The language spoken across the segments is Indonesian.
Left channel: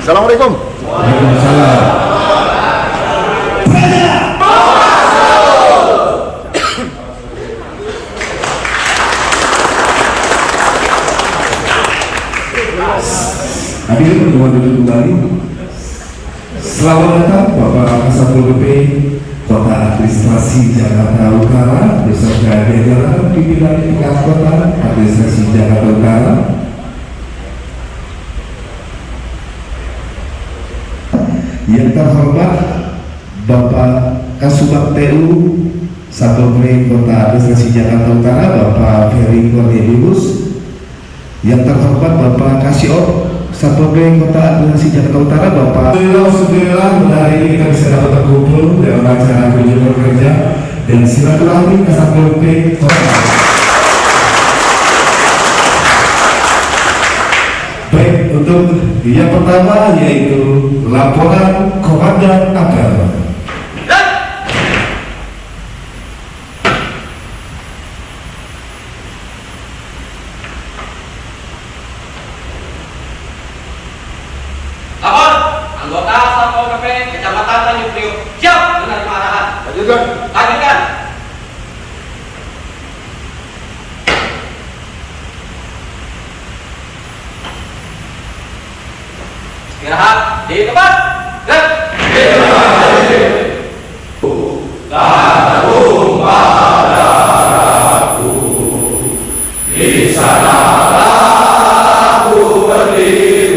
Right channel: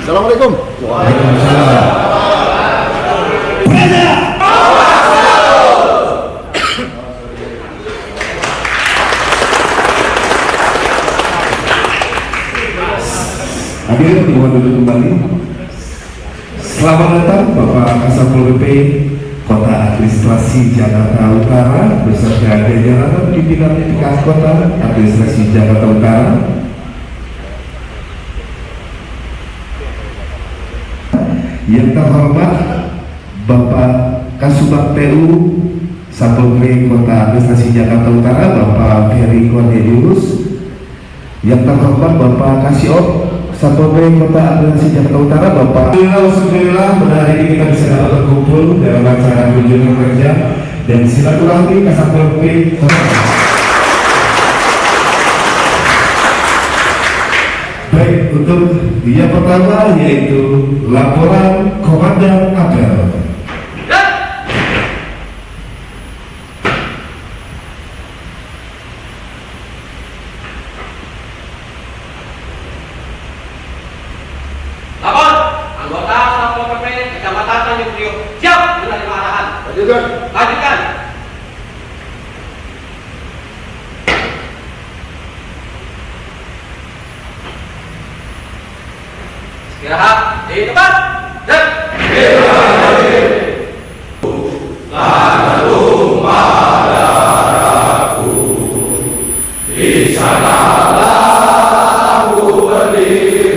Assalamualaikum. Hadirin yang duduk kembali. Selamat datang Bapak Kasatpol PP Kota Administrasi Jakarta Utara beserta jajaran pimpinan tingkat Kota Administrasi Jakarta Utara. Yang terhormat Bapak Kasubag TU Satpol PP Kota Administrasi Jakarta Utara Bapak Ferry Cornelius. Yang terhormat Bapak Kasio Satpol PP Kota Administrasi Jakarta Utara Bapak Alhamdulillah, pada hari ini kita bisa dapat berkumpul dalam acara kunjungan kerja dan silaturahmi Satpol PP Kota. Baik, untuk yang pertama yaitu laporan Komandan Apel. Anggota Satpol PP Kecamatan Tanjung Priok siap menerima arahan. Lanjutkan. Istirahat di tempat. Tanjung padaku di sanalah ku berdiri.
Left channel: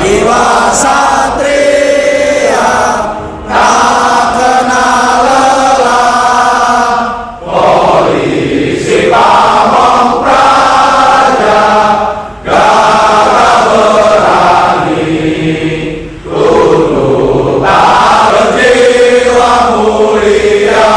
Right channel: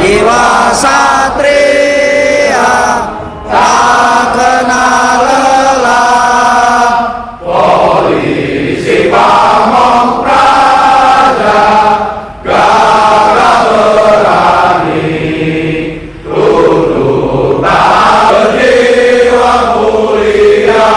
Jiwa satria tak kenal lelah. Polisi Pamong Praja gagah berani, tunduk tak berjiwa mulia,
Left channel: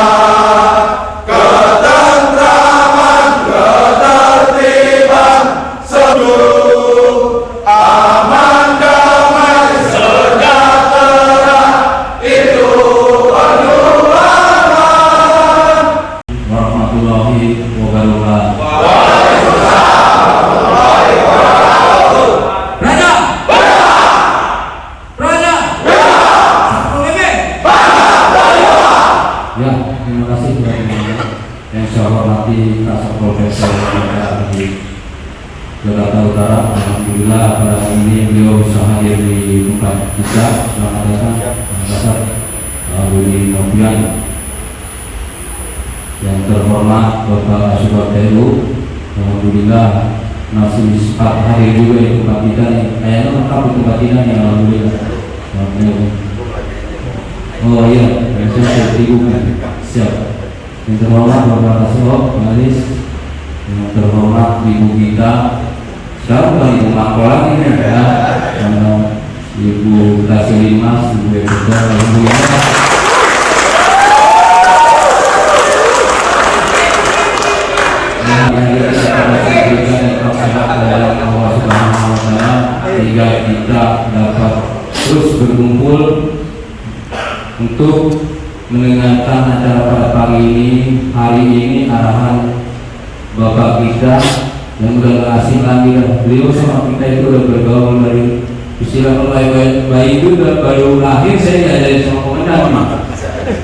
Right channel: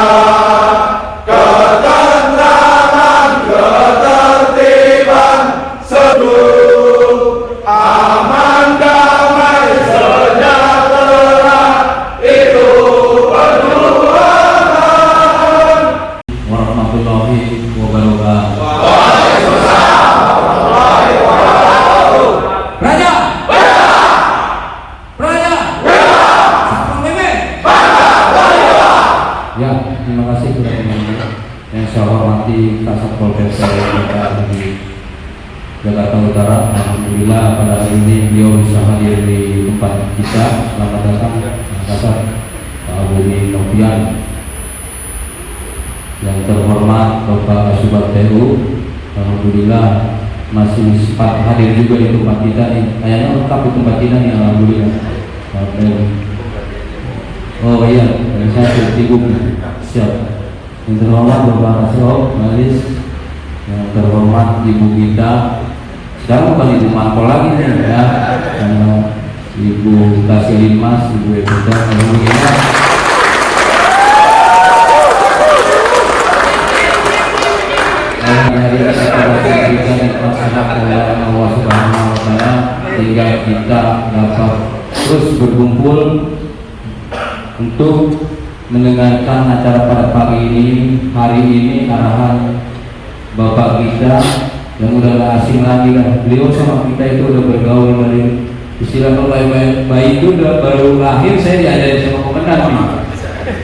ketentraman ketertiban seluruh aman damai sejahtera itu penuhan warahmatullahi wabarakatuh. Raja, Raja, Ya, terima kasih sudah diundang. Yang saya hormati Kasatpol PP Kota Jakarta Utara. Alhamdulillah pada hari ini beliau bisa hadir di tempat kita. Selamat datang Bapak Budi Novian. Yang terhormat Bapak Kasubag TU. Alhamdulillah masih sempat hadir juga di tempat kita nih. Kayaknya lengkap di tempat kita nih, alhamdulillah. Oh iya, saya ibu siap. Yang terhormat Bapak Kasubag Malis. Yang terhormat Ibu kita, sekarang bukan Ibu Mangkolan ini ya, karena Ibu Kasih Mas, Ibu Evita, alhamdulillah. Dari kita diberikan nikmat sehat oleh Allah Subhanahu Wa Taala sehingga kita dapat terus berkumpul untuk mendengarkan acara pada pagi ini. Hari ini arahan Bapak kita yang udah gak asing lagi kan, beliau sama kita itu udah bergaul dari istilah mulai bayi juga, baru lahir saya diajarin sama komandan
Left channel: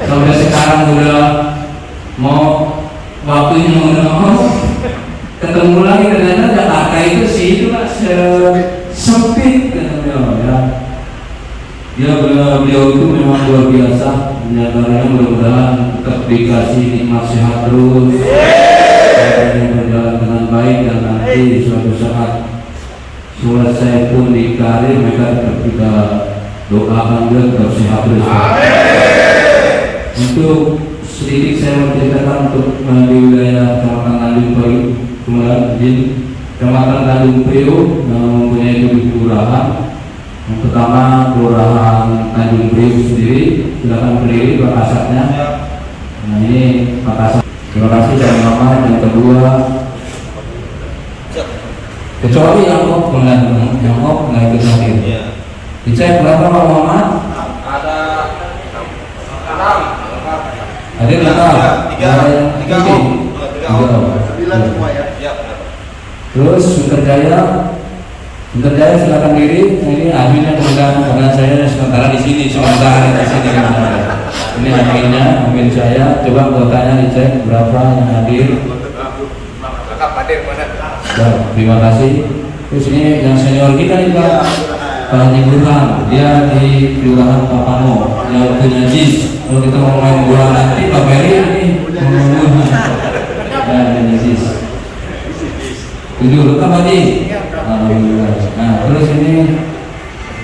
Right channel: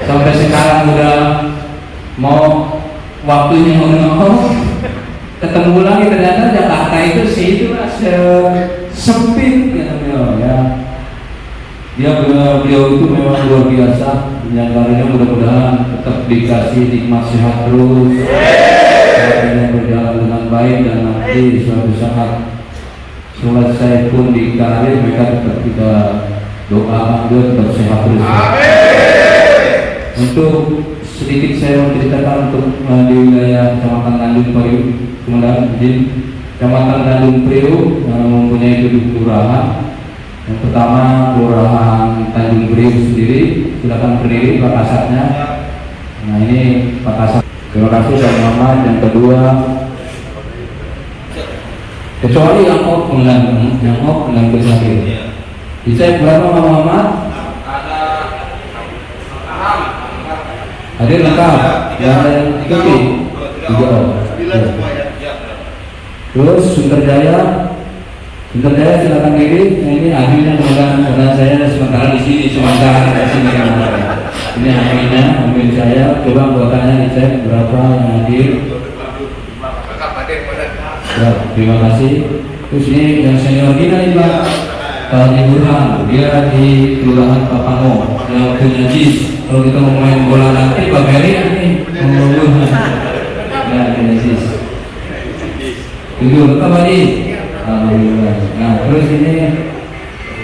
sampai sekarang udah mau waktunya mengenal ketemu lagi. Ternyata Jakarta itu sih itulah sempit kan ya. Ya, beliau itu memang luar biasa. Diantaranya mudah-mudahan tetap dikasih nikmat sehat terus, yang berjalan dengan baik, dan nanti suatu saat selesai pun di karir mereka tetap kita doakan dia tetap sehat terus. Untuk sedikit saya menceritakan untuk di wilayah Kecamatan Tanjung Priok, kemudian izin Kecamatan Tanjung Priok yang mempunyai 7 kelurahan. Yang pertama Kelurahan Tanjung Priok sendiri, silakan berdiri Pak Kasatnya. Nah ini Pak Kasat, terima kasih teman-teman. Yang kedua, kecuali yang mengambil hadir. Dicek berapa Pak Muhammad? Ada 6. Hadir lengkap. Ada yang ikuti. 3. Terus Sunterjaya silakan diri. Ini akhirnya dengan saya sementara di sini sementara di sini. Ini akhirnya saya coba anggotanya dicek berapa yang hadir. Ya, terima kasih. Terus ini yang senior kita nih Pak Haji Burhan, dia di Kelurahan Papango yang punya JIS. Kalau kita mau main bola nanti Pak Ferry ini mau nah ini JIS. Tujuh lengkap lagi. Alhamdulillah. Nah terus ini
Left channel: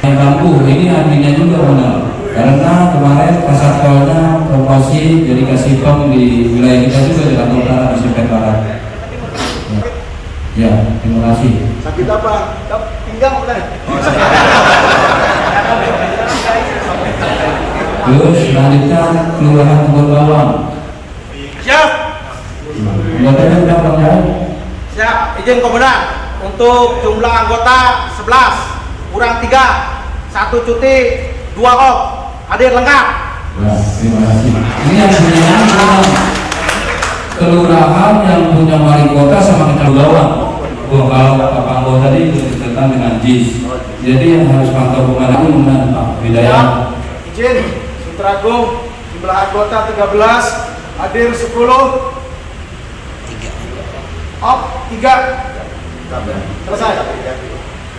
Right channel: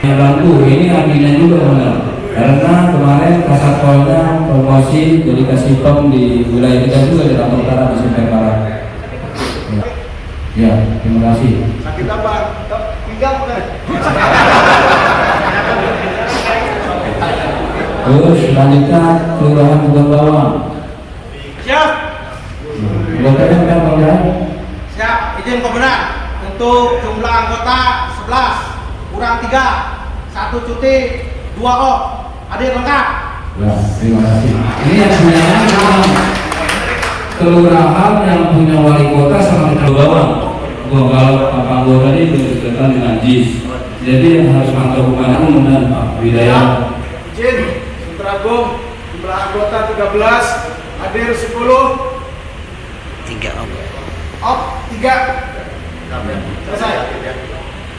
yang bambu ini adminnya juga benar, karena kemarin Kasatpolnya promosi jadi kasih pom di wilayah kita juga di Jakarta Utara di Sepen Barat. Ya, terima kasih. Sakit apa? Pinggang bukan? Terus selanjutnya Kelurahan Kebun Bawang. Siap. Anggotanya berapa kan? Siap, izin komandan. Untuk jumlah anggota 11, kurang 3, 1 cuti, 2 off, hadir lengkap. Ya, terima kasih. Ini yang punya kelurahan yang punya wali kota sama Kecamatan Bawang. Kalau Pak Panggo tadi berkaitan dengan JIS. Jadi yang harus mantau kemana pun Pak Bidayah. Izin, Sunter Agung, jumlah anggota 13, hadir 10, 3 off, 3. Selesai.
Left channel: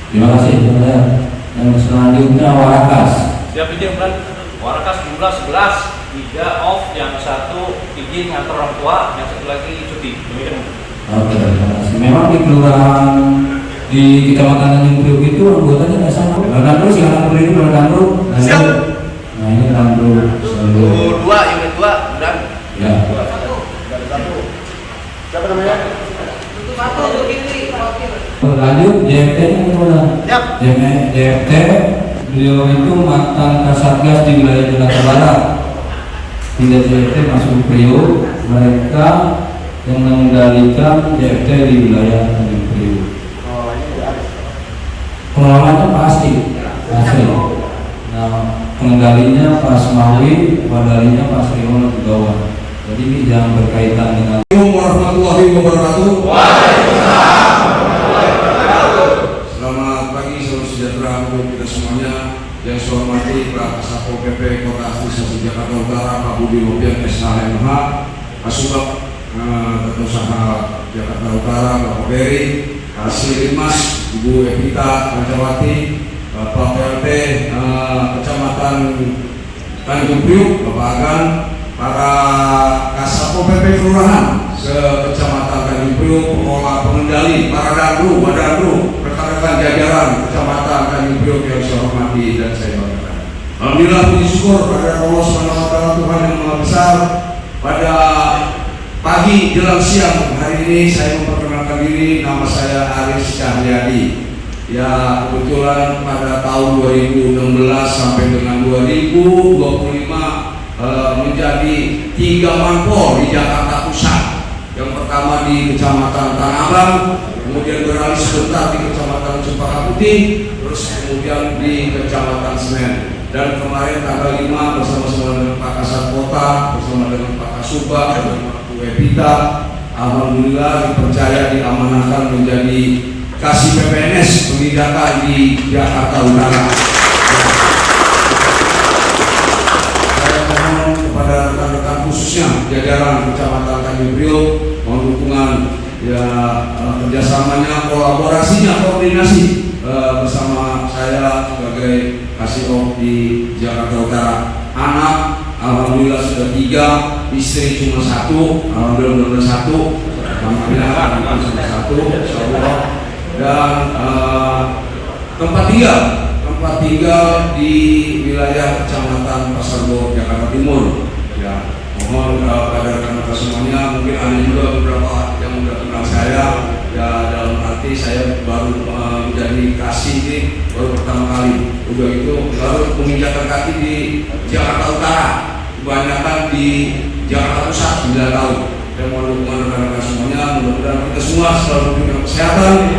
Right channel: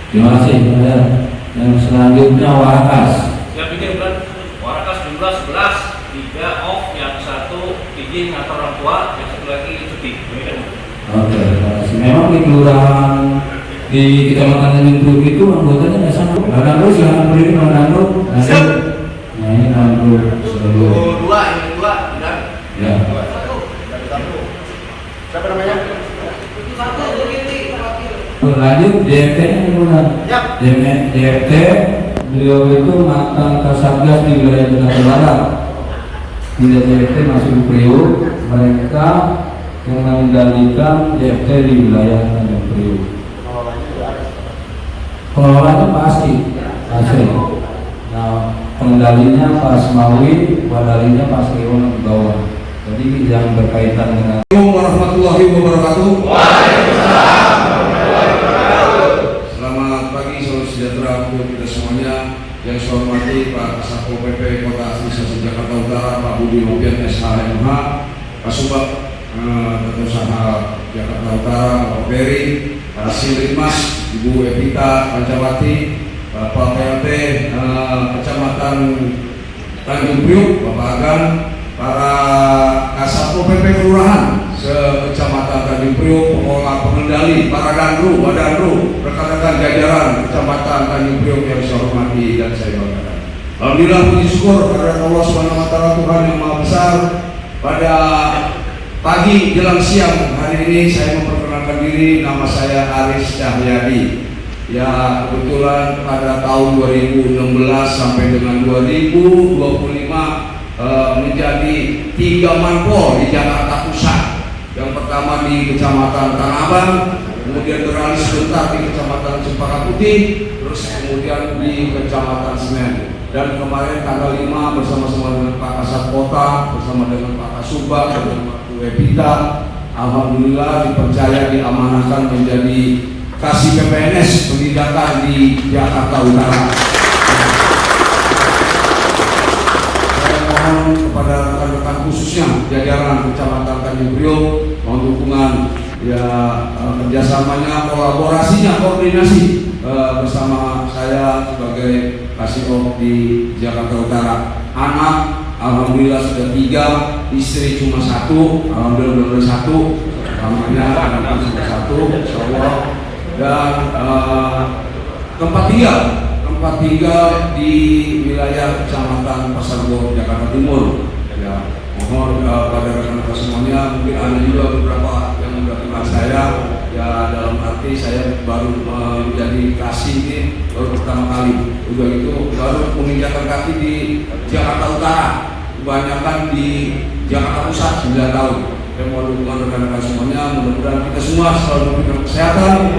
Terima kasih. Ya. Yang selanjutnya Warakas. Siap izin kan? Warakas jumlah 11, 3 off, yang 1 izin ngantor orang tua, yang 1 lagi cuti. Oke, terima kasih. Memang di kelurahan di Kecamatan Tanjung Priok itu anggotanya nggak sama. Kandru silakan berdiri Pak Kandru. Siap. Nah ini Kandru. Unit 2 dan Ya. 1 berdiri. Berlanjut JFT nya gimana? Siap. JFT beliau itu mantan Kasatgas di wilayah Jakarta Barat. Tidak JFT masuk ke Priok, mereka yang mengendalikan JFT di wilayah Tanjung Priok. Pengelolanya Pak Asri. Nah, pengendalinya Pak Asmawi, wadalinya Pak Sriwan di bawah. Jadi yang berkaitan dengan Assalamualaikum warahmatullahi wabarakatuh. Selamat pagi, salam sejahtera untuk kita semuanya. Yang saya hormati Pak Kasatpol PP Kota Administrasi Jakarta Utara, Pak Budi Novian SHMH, Pak Subak Tata Usaha Jakarta Utara, Pak Ferry, Pak Silimas, Ibu Evita Pancawati, Bapak PLT Kecamatan Tanjung Priok, Bapak Agan, para Kasatpol PP Kelurahan se-Kecamatan Tanjung Priok, pengelola pengendali, para dandu, wadandru, rekan-rekan jajaran Kecamatan Tanjung Priok yang saya hormati dan saya banggakan. Alhamdulillah, puji syukur pada Allah SWT Tuhan yang Maha Besar. Pada pagi jelang siang hari ini saya memperkenalkan diri, nama saya Aris Cahyadi. Ya, kebetulan pada tahun 2016 sampai dengan 2025 menjadi 3 manpol di Jakarta Pusat. Yang pertama di Kecamatan Tanah Abang, kemudian beralih sebentar di Kecamatan Cempaka Putih, terus kemudian di Kecamatan Senen. Dan kemarin tanggal 5 bersama-sama dengan Pak Kasat Kota, bersama dengan Pak Kasubag, dengan Pak Evita, alhamdulillah dipercaya diamanahkan menjadi Kasih PPNS pendidikan di Jakarta Utara. Kepada rekan-rekan khususnya jajaran Kecamatan Tanjung Priok, mohon dukungan ya, kerjasamanya, kolaborasinya, koordinasi bersama saya sebagai Kasihop di Jakarta Utara. Anak alhamdulillah sudah 3, istri cuma 1, alhamdulillah benar 1, namanya anak sudah 1, insya Allah. Dan tempat tinggal di wilayah Kecamatan Pasar Bo, Jakarta Timur. Ya, mohon pada rekan-rekan semuanya, mungkin ada juga beberapa yang sudah kenal saya. Ya, dalam arti saya baru menjadi kasih ini baru pertama kali. Udah itu baru menginjakkan kaki di Jakarta Utara, kebanyakan di Jakarta Pusat 9 tahun. Saya mohon dukungan rekan-rekan semuanya, mudah-mudahan kita semua selalu diberikan kesehatan,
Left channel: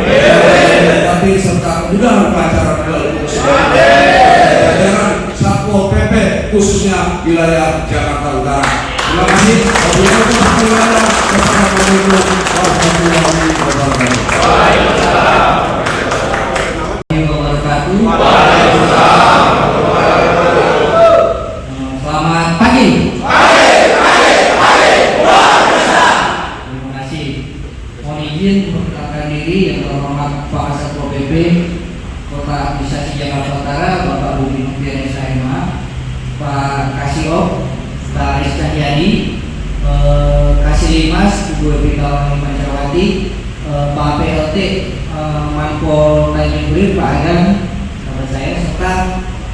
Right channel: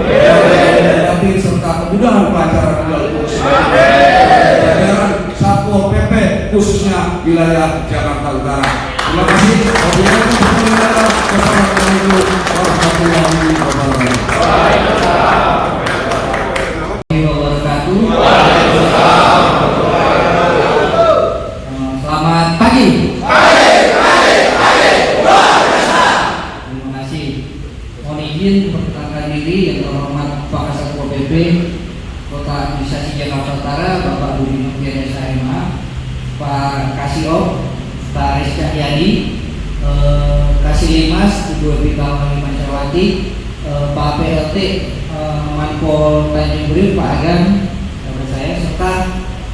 tapi serta kemudahan pancara melalui jajaran Satpol PP khususnya wilayah Jakarta Utara. Terima kasih. Wassalamualaikum warahmatullahi wabarakatuh. Selamat pagi. Terima kasih. Mohon izin memperkenalkan diri yang terhormat Pak Satpol PP Kota Administrasi Jakarta Utara, Bapak Budi Noviana SHMH, Pak Kasihop, Pak Aris Cahyadi, Kasih Limas, Ibu Epitawati Mancarwati, Pak PLT Manpol Tanjung Priok, Pak Agam, sahabat saya, serta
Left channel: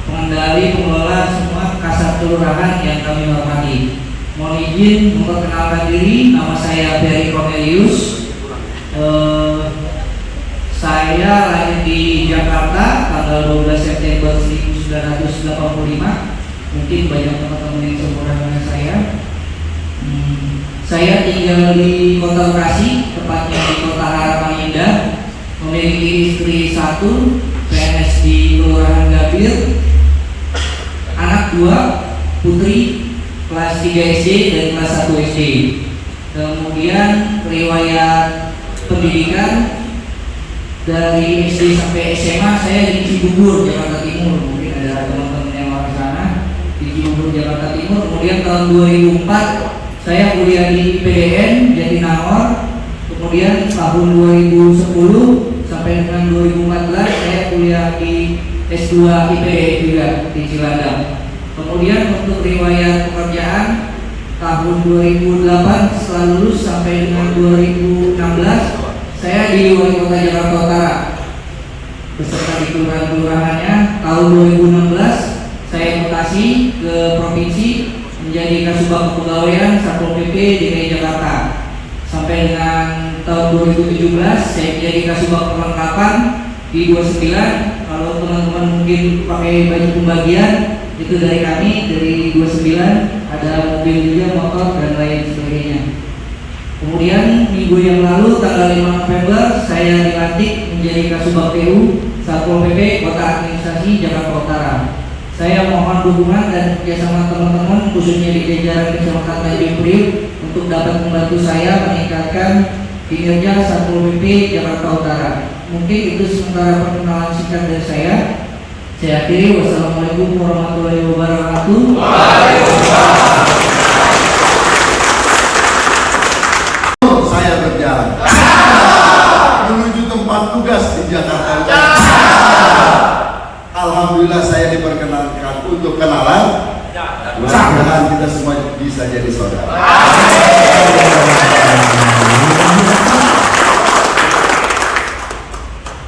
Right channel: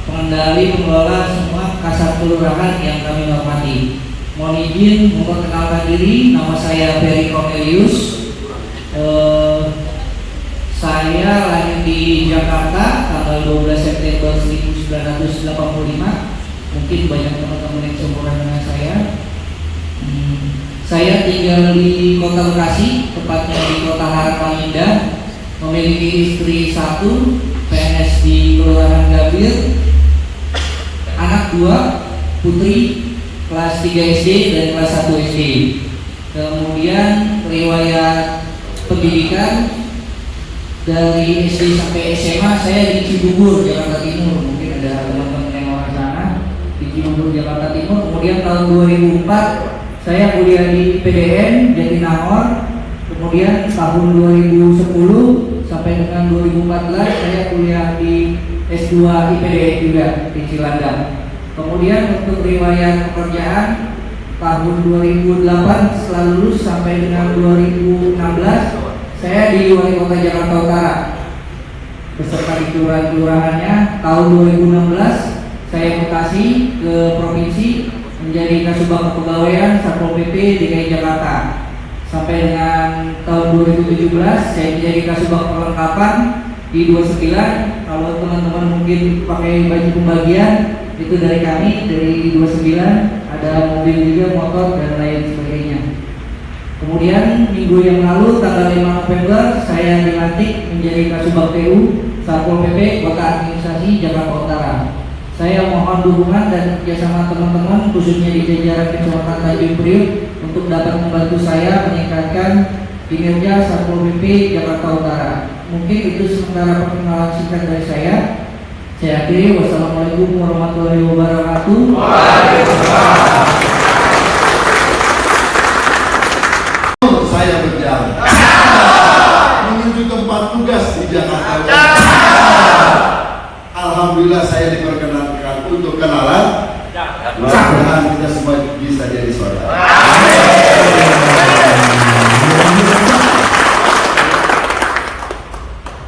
pengendali pengelola semua kasat kelurahan yang kami hormati. Mohon izin memperkenalkan diri, nama saya Ferry Cornelius. Saya lahir di Jakarta tanggal 12 September 1985. Mungkin banyak teman-teman yang seumuran dengan saya. Saya tinggal di Kota Bekasi, tepatnya di Kota Harapan Indah. Memiliki istri 1, PNS di Kelurahan Gambir, anak 2, putri kelas 3 SD dan kelas 1 SD. Kemudian riwayat pendidikan dari SD sampai SMA saya di Cibubur, Jakarta Timur. Mungkin ada teman-teman yang orang sana di Cibubur, Jakarta Timur. Kemudian tahun 2004 saya kuliah di PDN Jatinangor. Kemudian tahun 2010 sampai dengan 2014 saya kuliah di S2 IPDN juga di Cilandak. Kemudian untuk riwayat pekerjaan tahun 2008 setelah lulus sampai dengan 2016 saya di Wali Kota Jakarta Utara beserta di kelurahan-kelurahannya. Tahun 2016 saya mutasi ke provinsi menjadi Kasubag Kepegawaian Satpol PP DKI Jakarta. Sampai dengan tahun 2017 saya menjadi Kasubag Perlengkapan di 29. Kalau teman-teman mungkin pakai baju pembagian itu dari kami, dari 29 ada mobil juga, motor dan lain sebagainya. Kemudian minggu yang lalu tanggal 5 November saya dilantik menjadi Kasubag PU Satpol PP Kota Administrasi Jakarta Utara. Saya mohon dukungan dan kerjasama teman-teman khususnya di jajaran Kecamatan Tanjung Priok untuk dapat membantu saya meningkatkan kinerja Satpol PP Jakarta Utara. Mungkin itu sementara perkenalan singkat dari saya. Saya akhiri. Wassalamualaikum warahmatullahi wabarakatuh. Saya berjalan menuju tempat tugas di Jakarta Utara. Alhamdulillah saya diperkenankan untuk kenalan. Mudah-mudahan kita semua bisa jadi saudara.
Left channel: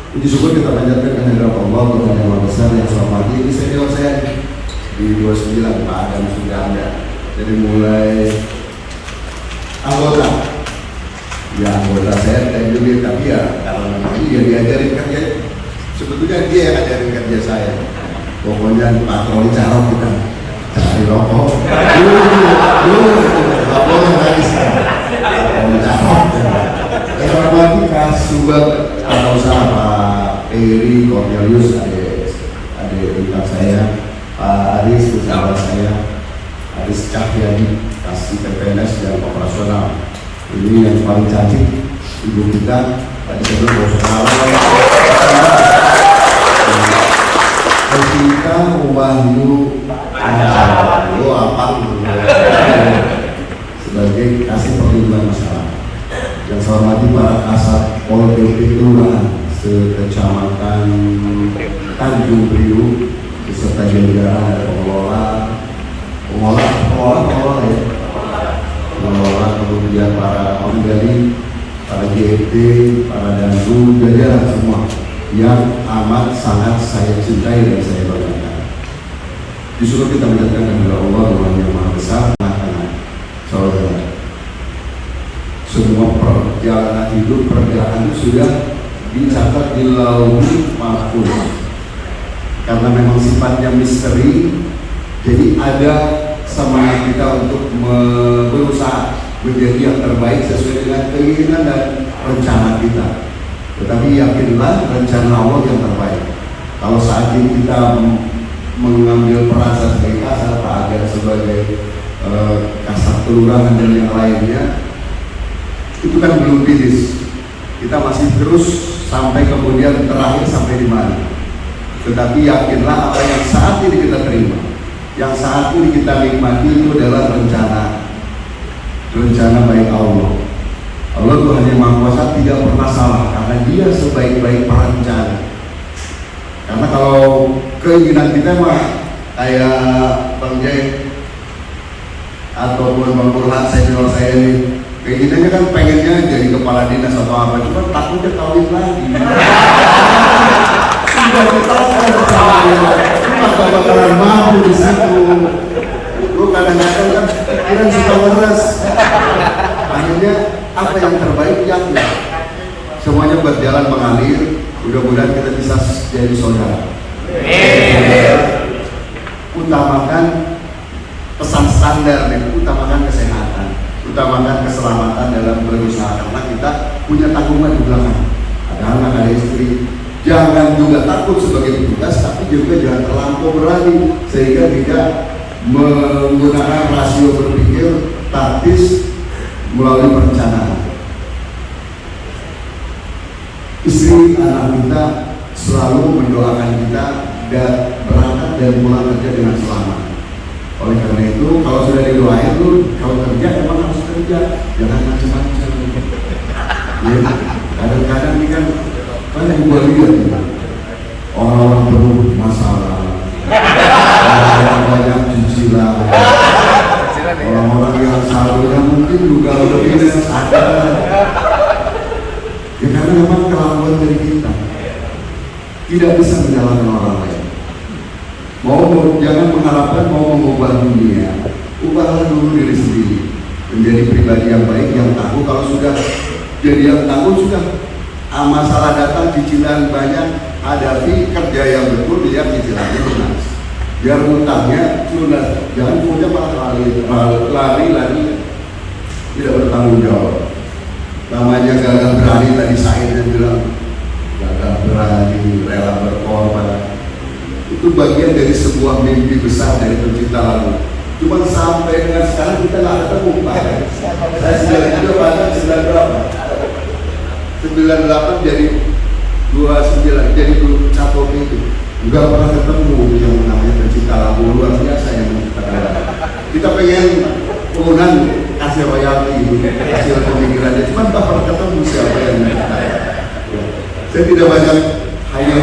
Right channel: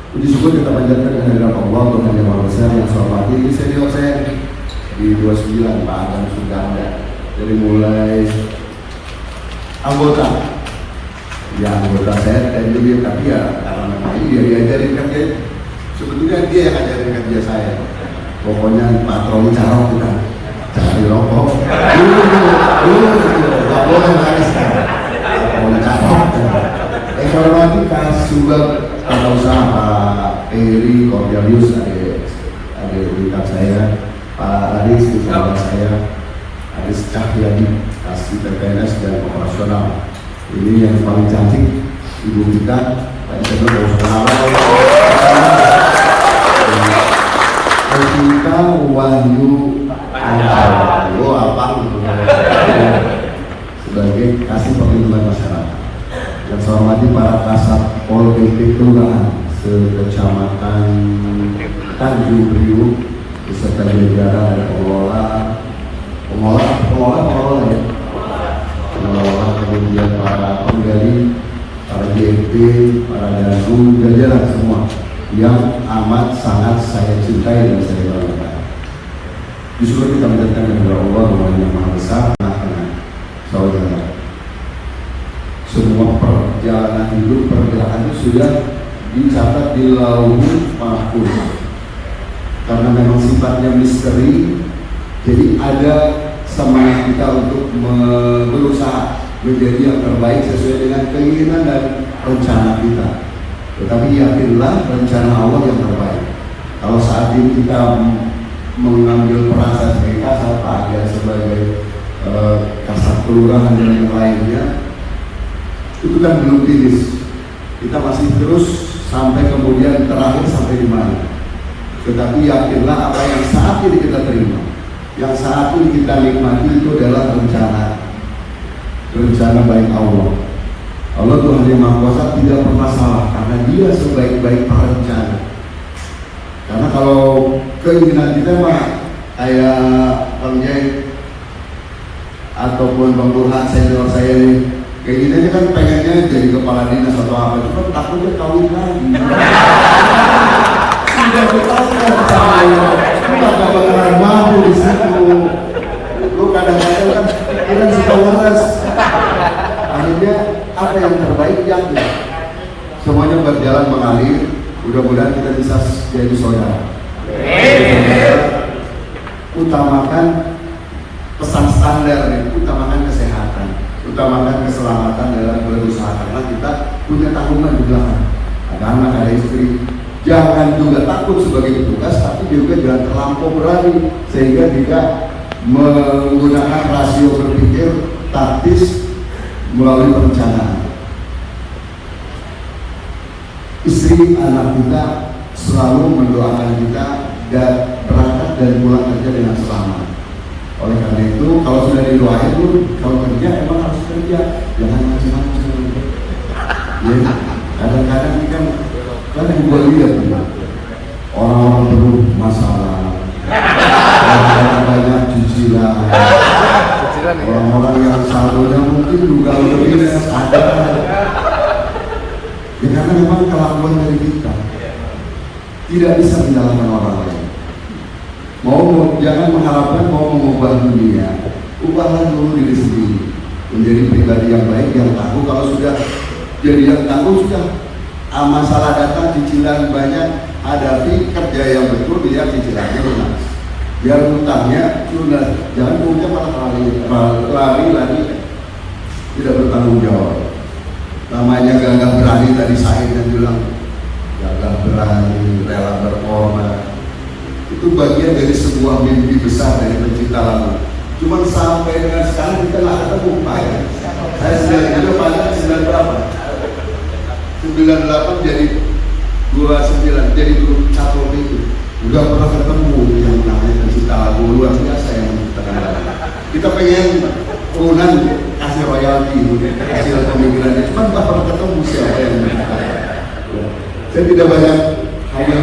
Puji syukur kita panjatkan kehadiran Allah, Tuhan yang Maha Besar yang saya hormati. Ini senior saya di 29, Pak Adam sudah ada. Jadi mulai anggota, ya anggota saya dari dulu, tapi ya kalau namanya dia diajarin kerja, sebetulnya dia yang ajarin kerja saya. Pokoknya patroli carok kita cari rokok. Dulu nggak boleh lagi sekarang. Patroli carok. Saya hormati Kasubag Tata Usaha Pak Ferry Cornelius, ada tingkat saya, Pak Aris sahabat saya, Aris Cahyadi, Kasih PPNS dan operasional. Ini yang paling cantik ibu kita. Tadi saya belum mau kenalan. Ketika Wahyu Ancar, apa sebagai kasih perlindungan masyarakat. Yang saya hormati para kasat Pol PP Kelurahan se-Kecamatan Tanjung Priok, beserta jajaran, ada pengelola ya, pengelola, kemudian para penggali, para JFT, para danru, jajaran semua yang amat sangat saya cintai dan saya banggakan. Disuruh kita menjadikan kepada Allah Tuhan yang Maha Besar, tengah-tengah saudara. Semua perjalanan hidup, pergerakan itu sudah dicatat di Lauhul Mahfuz. Karena memang sifatnya misteri, jadi ada semangat kita untuk berusaha menjadi yang terbaik sesuai dengan keinginan dan rencana kita. Tetapi yakinlah rencana Allah yang terbaik. Kalau saat ini kita mengambil peran sebagai kasat, Pak Agar sebagai kasat kelurahan dan yang lainnya, itu kan belum finish. Kita masih terus sampai kemudian terakhir sampai di mana. Tetapi yakinlah apa yang saat ini kita terima, yang saat ini kita nikmati itu adalah rencana baik Allah. Allah Tuhan yang Maha Kuasa tidak pernah salah karena Dia sebaik-baik perencana. Karena kalau keinginan kita mah kayak Bang Jai ataupun Bang Burhan senior saya ini, keinginannya kan pengennya jadi kepala dinas atau apa, cuma takutnya kawin lagi. Sudah ditangkap rencananya, lu gak bakalan mampu di situ. Lu kadang-kadang kan pikiran suka ngeres. Akhirnya apa yang terbaik yakin. Semuanya berjalan mengalir. Mudah-mudahan kita bisa jadi saudara. Utamakan pesan standar nih, utamakan kesehatan, utamakan keselamatan dalam berusaha karena kita punya tanggungan di belakang. Ada anak, ada istri. Jangan juga takut sebagai petugas, tapi juga jangan terlampau berani sehingga tidak menggunakan rasio berpikir taktis melalui perencanaan. Istri anak kita selalu mendoakan kita dan berangkat dan pulang kerja dengan selamat. Oleh karena itu, kalau sudah didoain lu, kalau kerja emang harus kerja, jangan macam-macam. Ya, kadang-kadang ini kan yang gue lihat orang-orang bermasalah, orang-orang banyak cicilan, orang-orang yang saldonya mungkin juga udah minus ada. Ya karena memang kelakuan dari kita tidak bisa menyalahkan orang lain. Jangan mengharapkan mau mengubah dunia, ubahlah dulu diri sendiri menjadi pribadi yang baik, yang tangguh. Kalau sudah jadi yang tangguh, sudah masalah datang, cicilan banyak, hadapi, kerja yang betul, lihat cicilannya lunas, biar utangnya lunas. Jangan kemudian malah lari tidak bertanggung jawab. Namanya gagah berani, tadi Said yang bilang gagah berani, rela berkorban. Itu bagian dari sebuah mimpi besar dari pencipta lagu. Cuman sampai dengan sekarang kita nggak ketemu Pak. Saya 92 banyak 9 berapa? 98 jadi 29 jadi satu itu. Nggak pernah ketemu yang namanya pencipta lagu luar biasa yang menciptakan lagu. Kita pengen urunan kasih royalti, hasil pemikirannya, cuma tak pernah ketemu siapa yang menciptakan. Ya. Saya tidak banyak hanya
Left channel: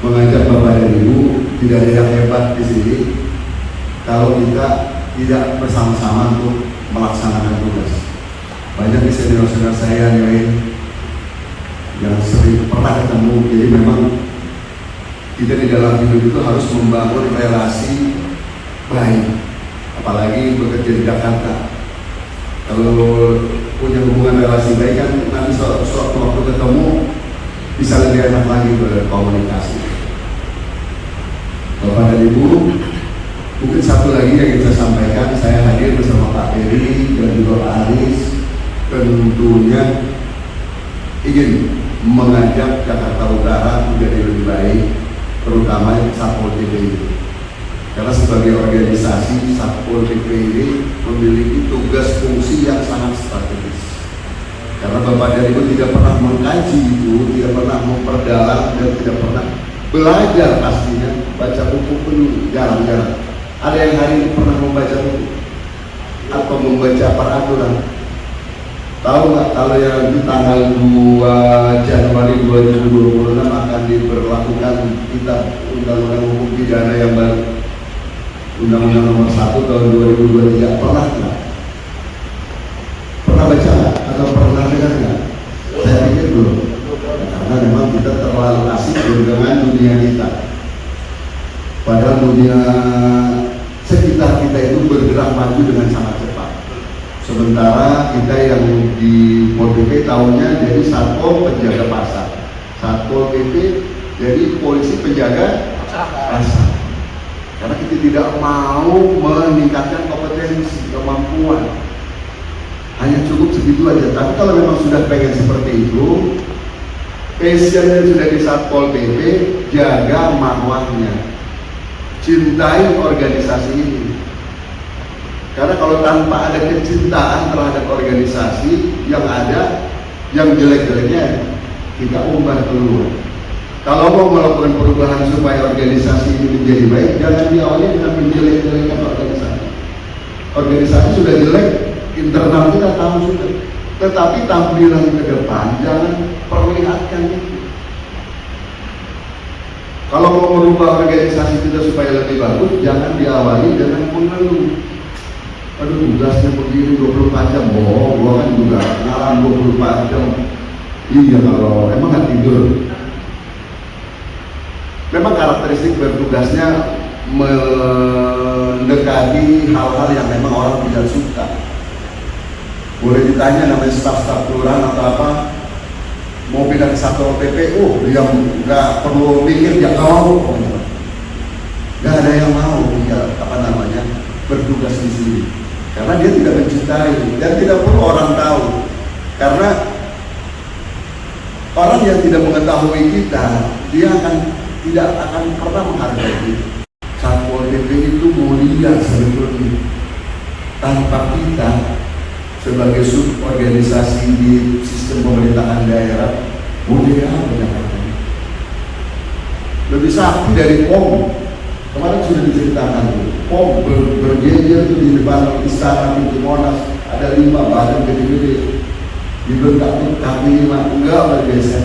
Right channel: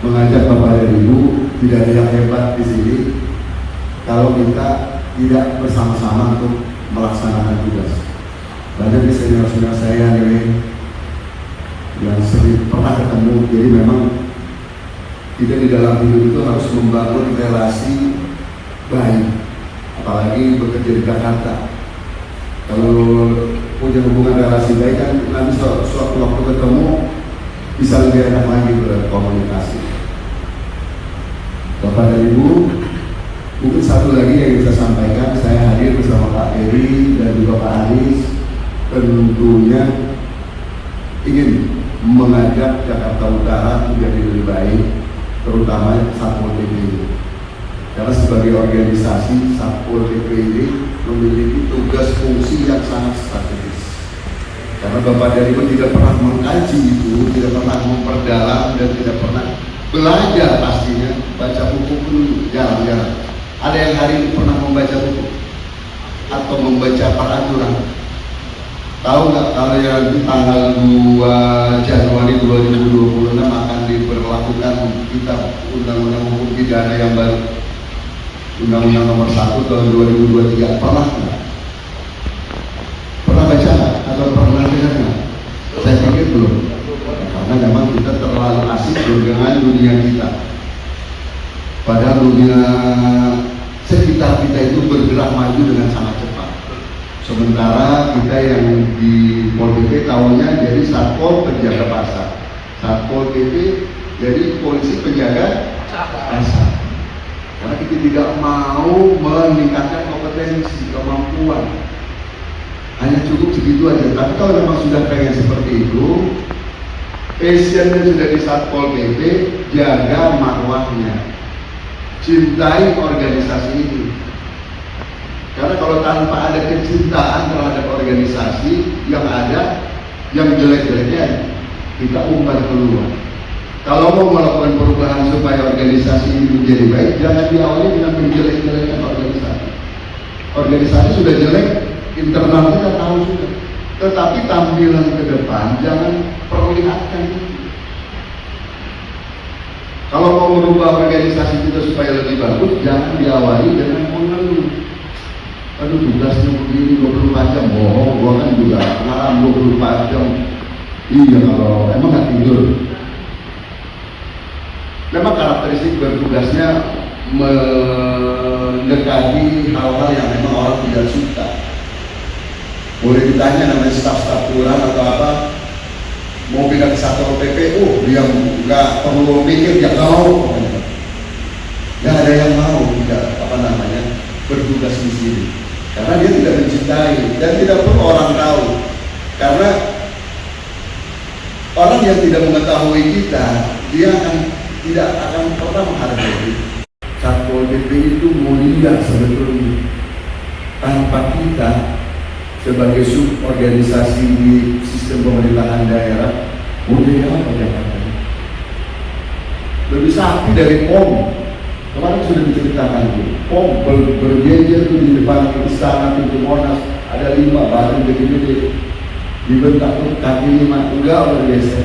mengajak Bapak dan Ibu, tidak ada yang hebat di sini kalau kita tidak bersama-sama untuk melaksanakan tugas. Banyak di senior-senior saya yang sering pernah ketemu, jadi memang kita di dalam hidup itu harus membangun relasi baik, apalagi bekerja di Jakarta. Kalau punya hubungan relasi baik kan nanti suatu waktu ketemu bisa lebih enak lagi berkomunikasi. Bapak dan Ibu, mungkin satu lagi yang ingin saya sampaikan, saya hadir bersama Pak Ferry dan juga Pak Aris, tentunya ingin mengajak Jakarta Utara menjadi lebih baik, terutama Satpol PP ini. Karena sebagai organisasi, Satpol PP ini memiliki tugas fungsi yang sangat strategis. Karena Bapak dan Ibu tidak pernah mengkaji itu, tidak pernah memperdalam dan tidak pernah belajar pastinya. Baca buku pun jarang-jarang. Ada yang hari ini pernah membaca buku atau membaca peraturan. Tahu nggak kalau yang nanti tanggal 2 Januari 2026 akan diberlakukan kitab Undang-Undang Hukum Pidana yang baru, Undang-Undang Nomor 1 Tahun 2023. Pernah nggak? Pernah baca nggak? Atau pernah dengar nggak? Saya pikir belum. Karena memang kita terlalu asik dengan dunia kita. Padahal dunia sekitar kita itu bergerak maju dengan sangat cepat. Sementara kita yang di Pol PP tahunya jadi Satpol penjaga pasar, Satpol PP jadi polisi penjaga pasar. Karena kita tidak mau meningkatkan kompetensi, kemampuan, hanya cukup segitu aja. Tapi kalau memang sudah pengen seperti itu, passionnya sudah di Satpol PP, jaga marwahnya, cintai organisasi ini. Karena kalau tanpa ada kecintaan terhadap organisasi yang ada, yang jelek-jeleknya kita umbar keluar. Kalau mau melakukan perubahan supaya organisasi ini menjadi baik, jangan diawali dengan menjelek-jelekkan organisasi. Organisasi sudah jelek, internal kita tahu sudah. Tetapi tampilan ke depan jangan perlihatkan itu. Kalau mau merubah organisasi kita supaya lebih bagus, jangan diawali dengan mengeluh. Aduh, tugasnya begini 24 jam, bohong, gua kan juga ngalam 24 jam. Iya, kalau emang nggak tidur. Memang karakteristik bertugasnya mendekati hal-hal yang memang orang tidak suka. Boleh ditanya namanya staf-staf kelurahan atau apa, mau pindah ke Satpol PP, yang nggak perlu mikir, ya tahu. Nggak ada yang mau bertugas di sini. Karena dia tidak mencintai dan tidak perlu orang tahu. Karena orang yang tidak mengetahui kita, dia tidak akan pernah menghargai kita. Satpol PP itu mulia sebetulnya. Tanpa kita sebagai suborganisasi di sistem pemerintahan daerah, mulia apa Jakarta? Lebih sakti dari POM. Kemarin sudah diceritakan tuh, POM berjejer di depan istana pintu Monas, ada 5 badan gede-gede, dibentak tuh kaki 5, enggak bergeser.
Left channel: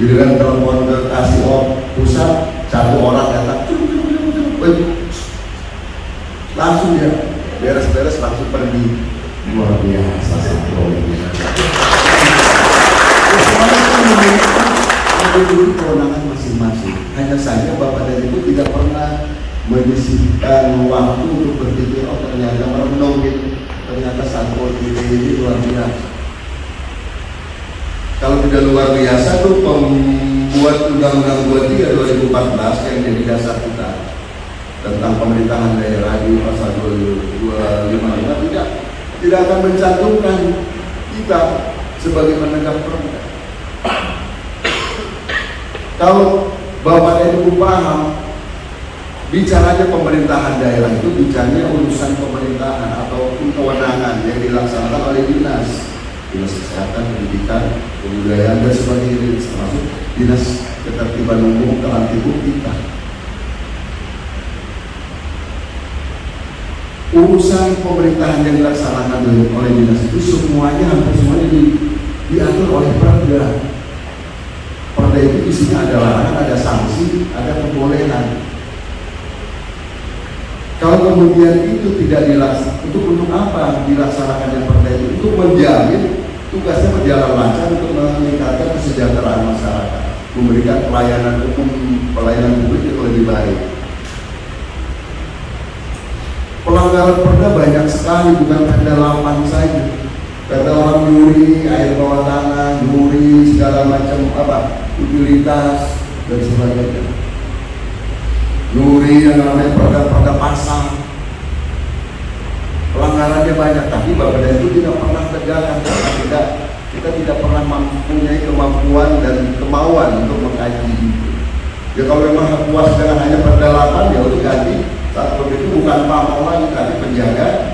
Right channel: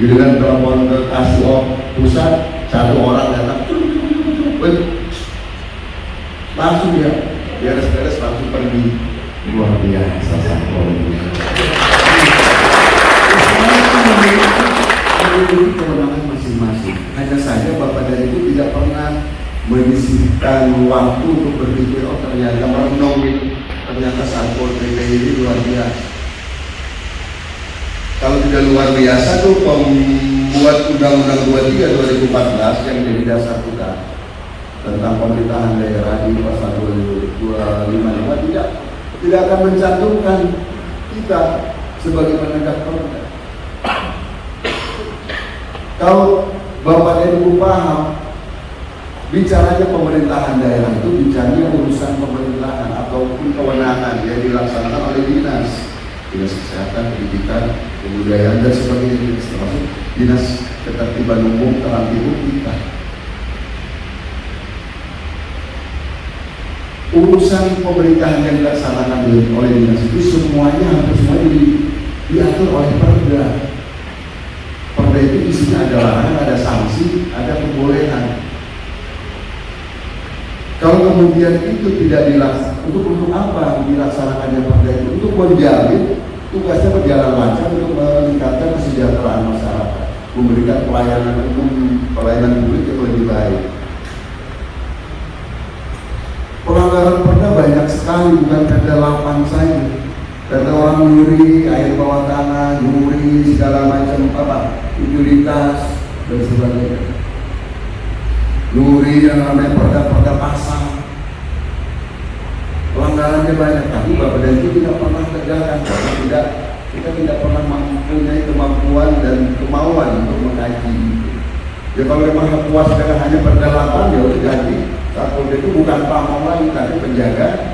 Giliran telepon ke Kasio pusat, 1 orang datang, langsung dia beres-beres langsung pergi. Luar biasa Satpol ini. Semuanya itu memiliki kewenangan masing-masing. Hanya saja Bapak dan Ibu tidak pernah menyisihkan waktu untuk berpikir, oh ternyata merenung ternyata Satpol PP ini luar biasa. Kalau tidak luar biasa tuh pembuat Undang-Undang 23 2014 yang jadi dasar kita tentang pemerintahan daerah di pasal 255 tidak akan mencantumkan kita sebagai penegak perda. Kalau Bapak dan Ibu paham, bicaranya pemerintahan daerah itu bicaranya urusan pemerintahan ataupun kewenangan yang dilaksanakan oleh dinas kesehatan, pendidikan, kebudayaan dan sebagainya, termasuk dinas ketertiban umum, tertib kita. Urusan pemerintahan yang dilaksanakan oleh dinas itu semuanya, hampir semuanya diatur oleh perda. Perda itu isinya ada larangan, ada sanksi, ada kebolehan. Kalau kemudian itu tidak dilaksanakan, untuk apa dilaksanakannya perda itu? Untuk menjamin tugasnya berjalan lancar untuk meningkatkan kesejahteraan masyarakat, memberikan pelayanan umum, pelayanan publik yang lebih baik. Pelanggaran perda banyak sekali, bukan perda 8 saja. Perda orang nyuri air bawah tanah, nyuri segala macam utilitas dan sebagainya. Nyuri yang namanya perda pasar. Pelanggarannya banyak, tapi Bapak dan Ibu tidak pernah tegakkan karena kita tidak pernah mempunyai kemampuan dan kemauan untuk mengkaji itu. Ya kalau memang puas dengan hanya perda 8, ya udah ganti. Satpol itu bukan pamong lagi, tapi penjaga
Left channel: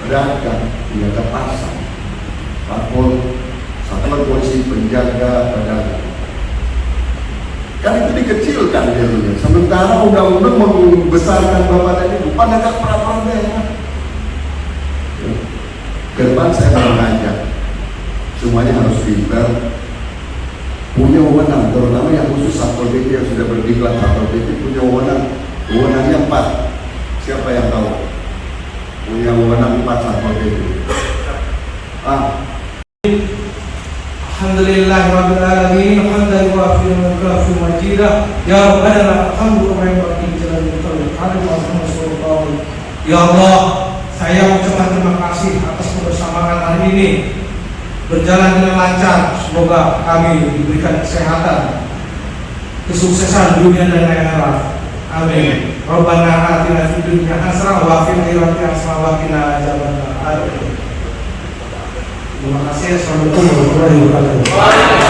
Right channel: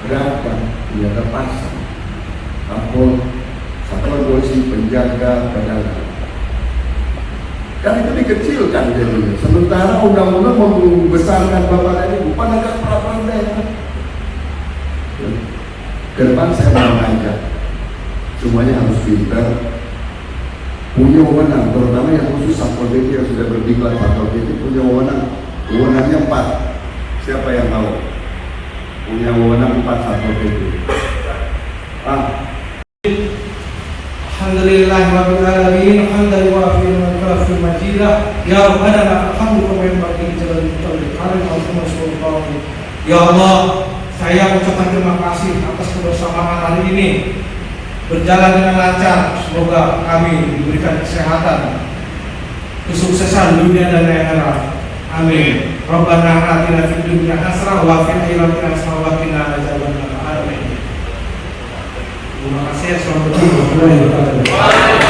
pedagang, penjaga pasar. Satuan polisi penjaga pedagang. Kan itu dikecilkan jadinya. Sementara undang-undang membesarkan Bapak dan Ibu penegak peraturan daerah. Ke depan saya mau mengajak semuanya harus pintar, punya wewenang, terutama yang khusus Satpol PP yang sudah berdiklat. Satpol PP punya wewenang, wewenangnya 4. Siapa yang tahu? Punya wewenang 4 Satpol PP. Alhamdulillahirabbil alamin, hamdan yuwafi wa yukafi majidah. Ya Rabbana lakal hamdu kama yanbaghi li jalali wajhika. Ya Allah, saya mengucapkan terima kasih atas kebersamaan hari ini. Berjalan dengan lancar, semoga kami diberikan kesehatan, kesuksesan dunia dan akhirat. Amin. Rabbana atina fid dunya hasanah wa fil akhirati hasanah wa qina adzabannar. Terima kasih. Assalamualaikum warahmatullahi wabarakatuh.